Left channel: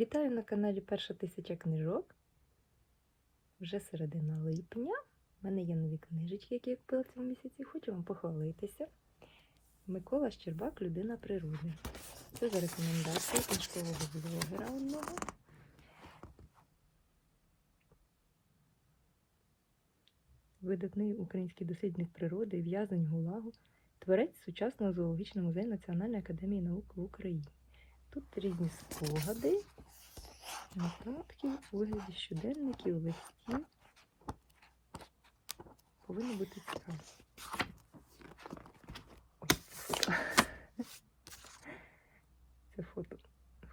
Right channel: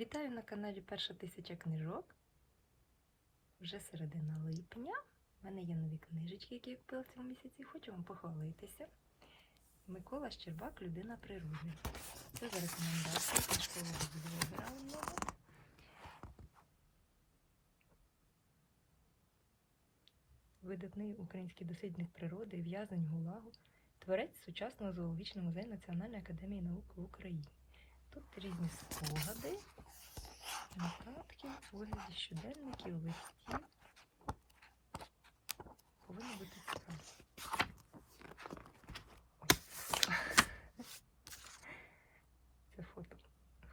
Вітаю на каналі Перша тисяча книжок. Вже середина липня. У мене є нові книжечки, які я купила в цьому місяці. Хочу вам похвалитися. Микола Щербак Людина природи. Це за рекомендація книжкового блогера одного. Видатний український дослідник природи, в'язень ГУЛАГу, творець сучасного зоологічного музею Національної академії наук в Україні. Тут різні спогади, нотатки у вигляді щоденників, листів. Повинно бути цікаво. Це фото.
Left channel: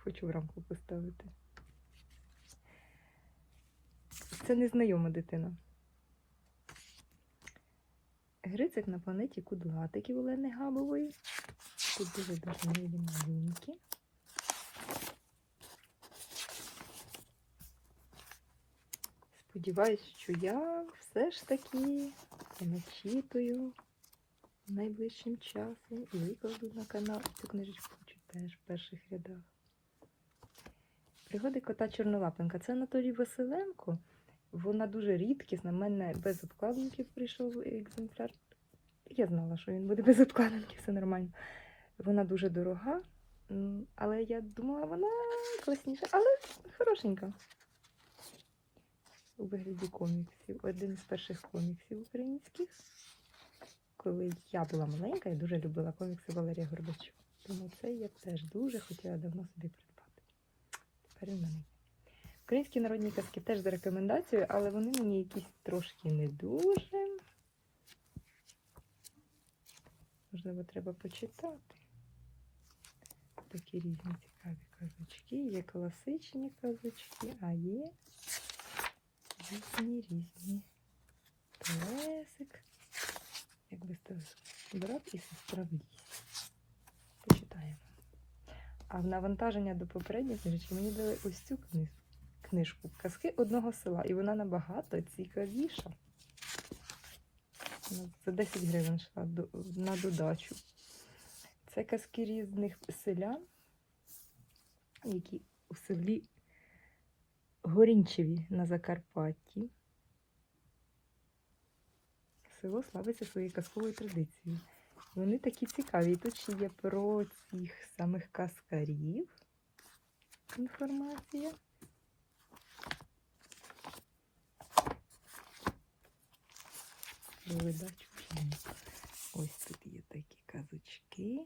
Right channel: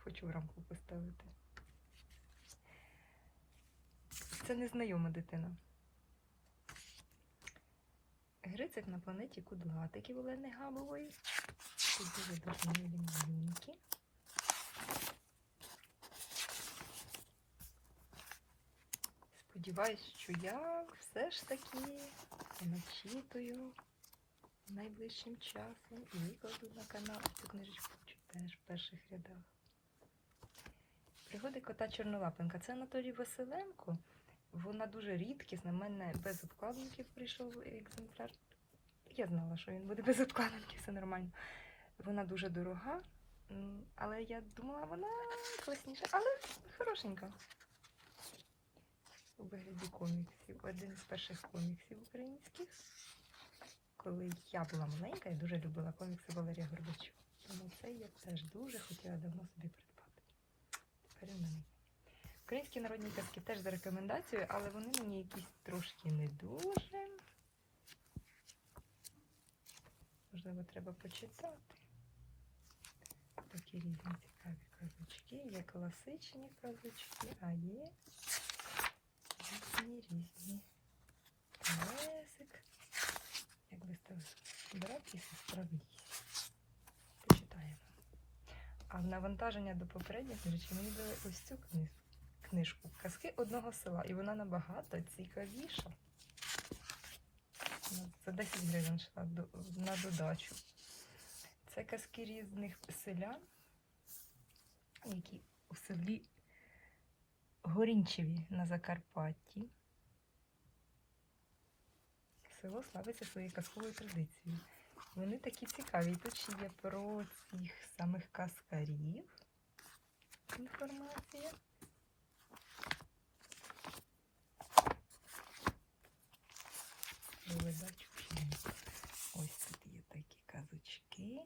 Хочу в рамку поставити. Це незнайома дитина. Грицик на планеті Кудлатиків Олени Габової. Тут дуже милі малюнки. Сподіваюсь, що я все ж таки начитую найближчим часом і викладу на канал цю книжечку читаєш в перших рядах. Пригоди кота Чорнолапенка. Це Анатолій Василенко. Вона дуже рідкісна. У мене без обкладинків прийшов екземпляр. Я знала, що він буде без обкладинки, все нормально. Вона дуже дорога, але я думала, вона класніша, але хорошенька. У вигляді коміксів. Один із перших коміксів українських. Коли я була маленька, я дуже любила комікси Валерія Горбачова. Тому це я теж дуже хотіла давно собі придбати. Тепер він в мене. Українські народні казки теж за рекомендацією, але вони мені якісь трошки не дуже. Можливо, треба почитати. Такі різні цікаві казочки. Є класичні казочки, а є різні різні. Лесик. Як би брат і сестра в лісі. Почитаємо. А в навантаження до попередньої книжки мені дали ось цю книжку книжку Казки одного села, і вона набагато цікавіша. Ну, За 10 гривень йшла на додачу. Це казки різних селян, які у селі Горінчеві на Закарпатті. Село славиться своєю казковою традицією. Вони такі цікаві. Тут ще є про цих самих каскарів інформація. Видачу. Ось тут є такі казочки.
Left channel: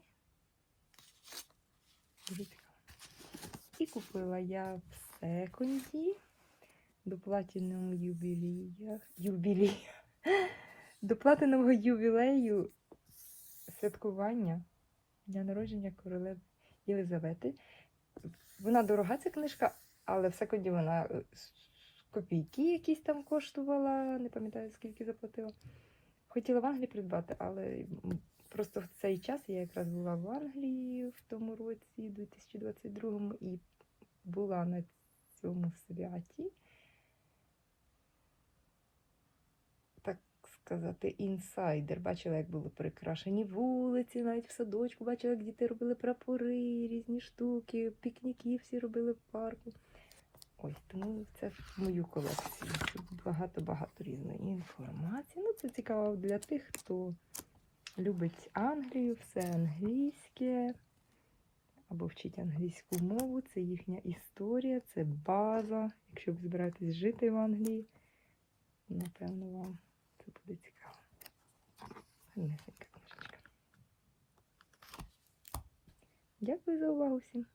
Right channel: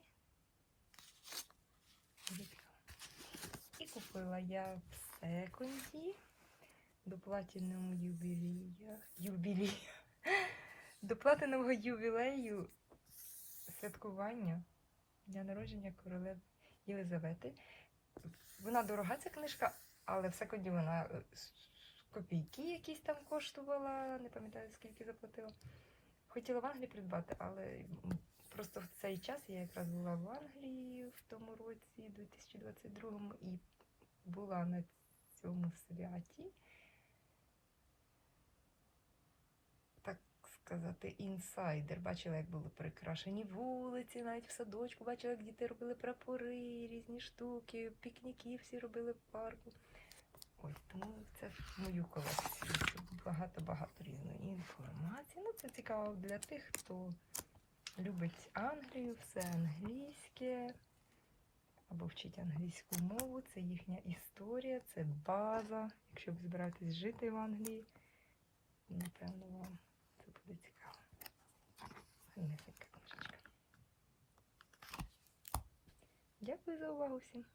І купила я в секонді до платінового юбілея. Юбілея. До платинового ювілею святкування дня народження королеви Єлизавети. Вона дорога ця книжка, але в секонді вона е, копійки якісь там коштувала, не пам'ятаю скільки заплатила. Хотіла в Англії придбати, але просто в цей час я якраз була в Англії в тому році, 2022 і була на цьому святі. Так сказати, інсайдер. Бачила, як були прикрашені вулиці, навіть в садочку, бачила, як діти робили прапори, різні штуки, пікніки всі робили в парку. Ось тому це в мою колекцію. Багато-багато різної інформації. Ну, це цікаво для тих, хто любить Англію, все англійське, або вчить англійську мову. Це їхня історія, це база. Якщо ви збираєтесь жити в Англії, напевно, вам це буде цікаво. Гарнесенька книжечка. Дякую за увагу всім.